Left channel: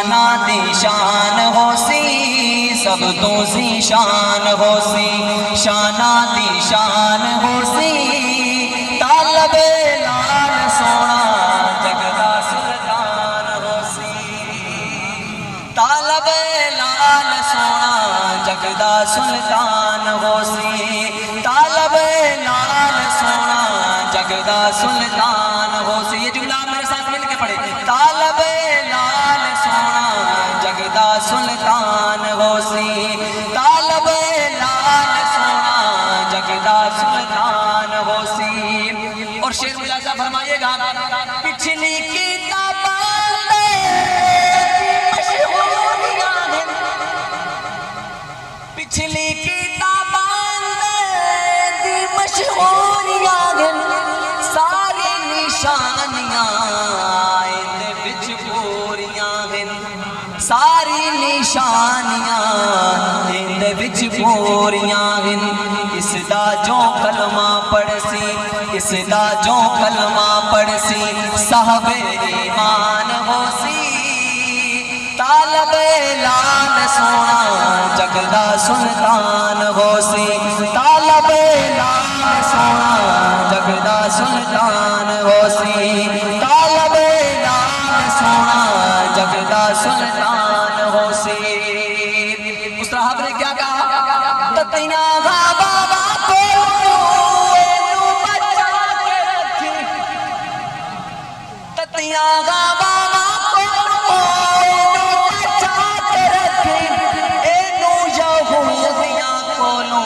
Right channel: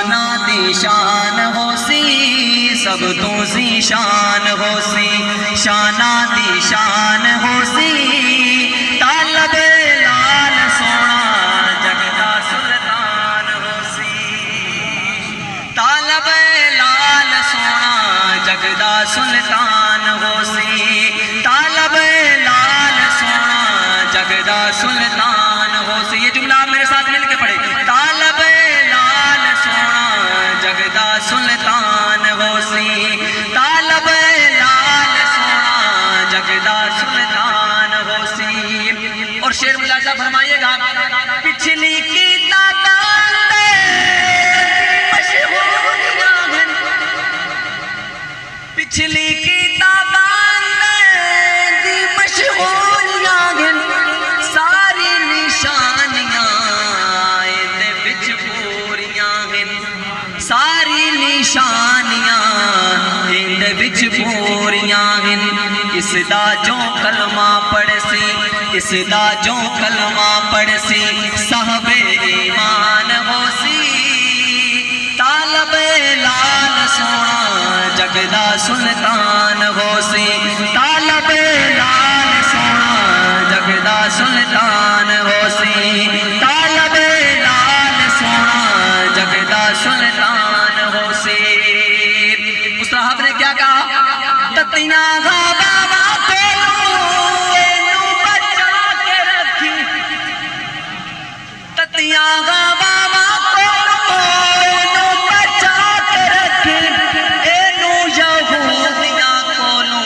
شانہ دی شان ہو سی سب تو سی شان ہو سی شانہ دی شان ہو سی طالب لال سونا جگدا سلطان ہو سی طالب لال سونا جگدا سلطان ہو سی طالب لال سونا جگدا سلطان ہو سی. یہ جملہ آپ میرے ساتھ مل کے پڑھیں. طالب لال سونا جگدا سلطان ہو سی طالب لال سونا جگدا سلطان ہو سی. اور شعر ملاحظہ فرمائیے گا. پچھلی کتاباں مشہوریاں ہیں پچھلی کتاباں مشہوریاں ہیں ساری نشانیاں اندے وچ پوریاں ہیں ساری نشانیاں اندے وچ پوریاں ہیں. اس دا جو کلمہ پڑھ سی اس دا جو کلمہ پڑھ سی صاحب ایمان ہو سی طالب لال سونا جگدا سلطان ہو سی طالب لال سونا جگدا سلطان ہو سی طالب لال سونا جگدا سلطان ہو سی. اس صاحب نے کیا کہا؟ تتیاں گا بابا کولو اینو بچا کے رکھی تتیاں گا بابا کولو اینو بچا کے رکھی اینو یہودیاں کولو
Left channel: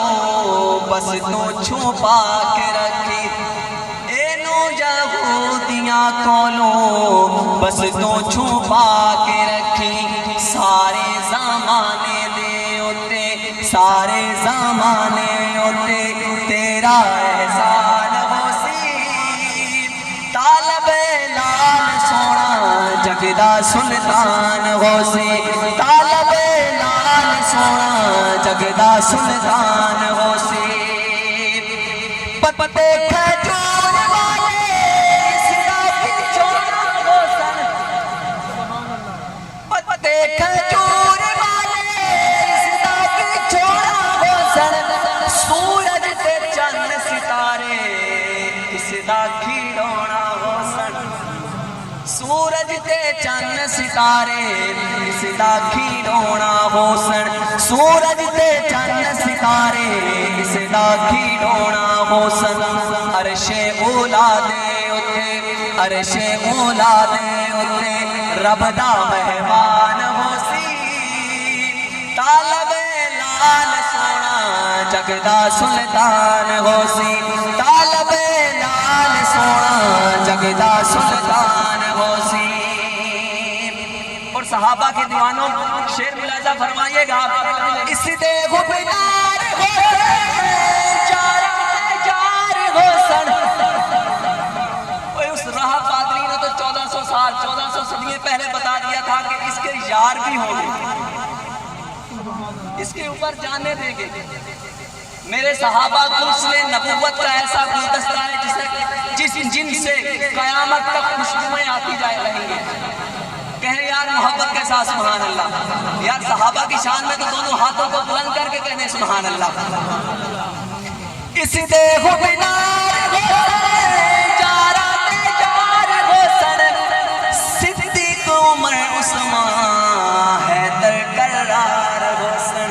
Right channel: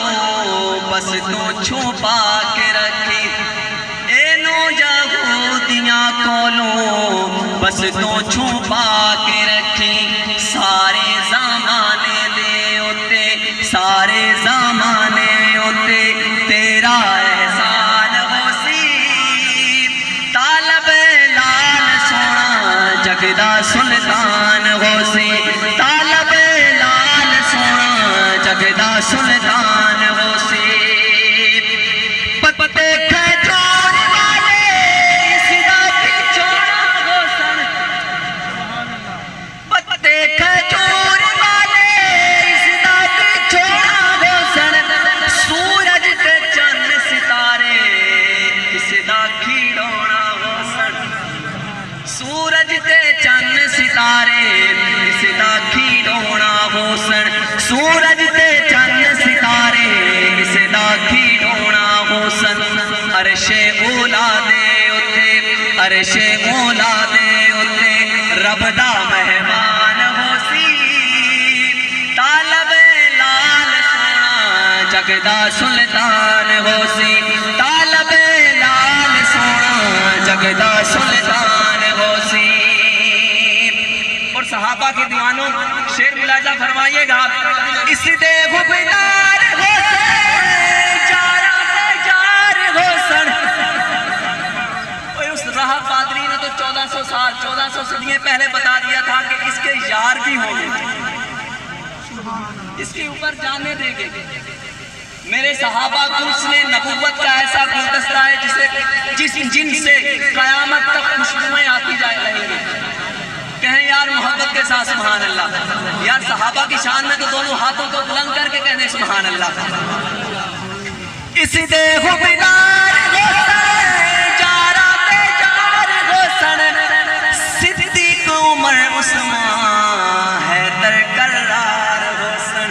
بس تو چھپا کے رکھی اینو یہودیاں کولو بس تو چھپا کے رکھی. سارے زمانے دے اتے سارے زمانے اتے تیرا احسان ہو سی طالب لال سونا جگدا سلطان ہو سی طالب لال سونا جگدا سلطان ہو سی. پتے کھجور والے اس دا پچھوڑا ہو سن پتے کھجور والے اس دا پچھوڑا ہو سن سورج تے چند ستارے اس دا کھیڑونا ہو سن سورج تے چند ستارے اس دا کھیڑونا ہو سن سورج تے چند ستارے اس دا کھیڑونا ہو سن. عرش اولا دے اتے عرش اولا دے اتے رب دا مہمان ہو سی طالب لال سونا جگدا سلطان ہو سی طالب لال سونا جگدا سلطان ہو سی. اور صحابہ کے دیوانوں شعر ملاحظہ فرمائیے گا. اس دے غبدار ہو سن جارہ جار ہو سن. اس راہ قادری نے تو 1400 صدییں پہلے بتا دیا تھا کہ اس کے یار بھی ہوں گے اس کے اوپر جانے دیں گے. میرے صحابہ کو اس نے نبوت کا ایسا گلدستہ ہے جن سے قیامت تک خوشبوئیں آتی جائے رہی ہیں. کہیں یار محبت کے ساتھ سبحان اللہ. یار صحابہ کی شان میں تو دونوں ہاتھوں کو بلند کر کے کہنے سبحان اللہ. اس دے غبدار ہو سن جارہ تے جار ہو سن صدیق عمر عثمان حیدر کرار ہو سن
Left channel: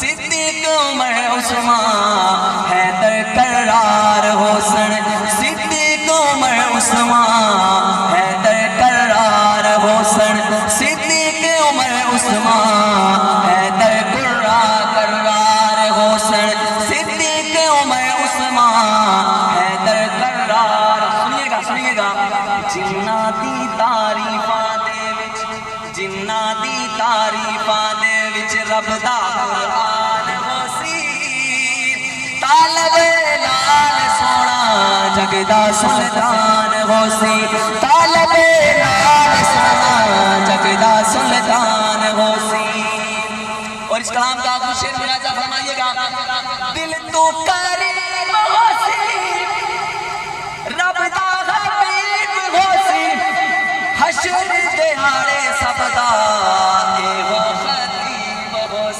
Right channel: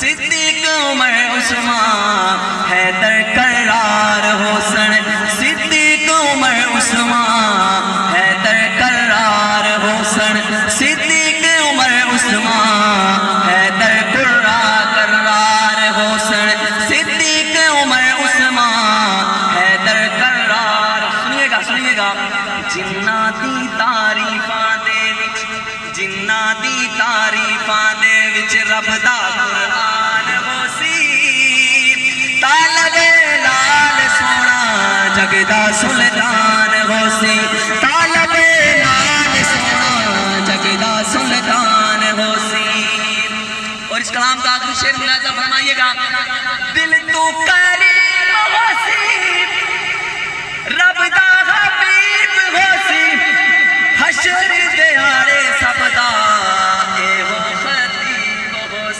صدیق عمر عثمان حیدر کرار ہو سن صدیق عمر عثمان حیدر کرار ہو سن صدیق عمر عثمان حیدر کرار ہو سن صدیق عمر عثمان حیدر کرار. سنیے گا جنہ دی تعریفاں دے وچ جنہ دی تعریفاں دے وچ رب دا قرآن ہو سی طالب لال سونا جگدا سلطان ہو سی طالب لال سونا جگدا سلطان ہو سی. اور اس کلام کا آخری شعر ملاحظہ فرمائیے گا. دل تو قریب ہو سی رب دا حبیب ہو سی حشر دیہاڑے سب دا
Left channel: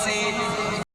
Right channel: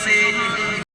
سے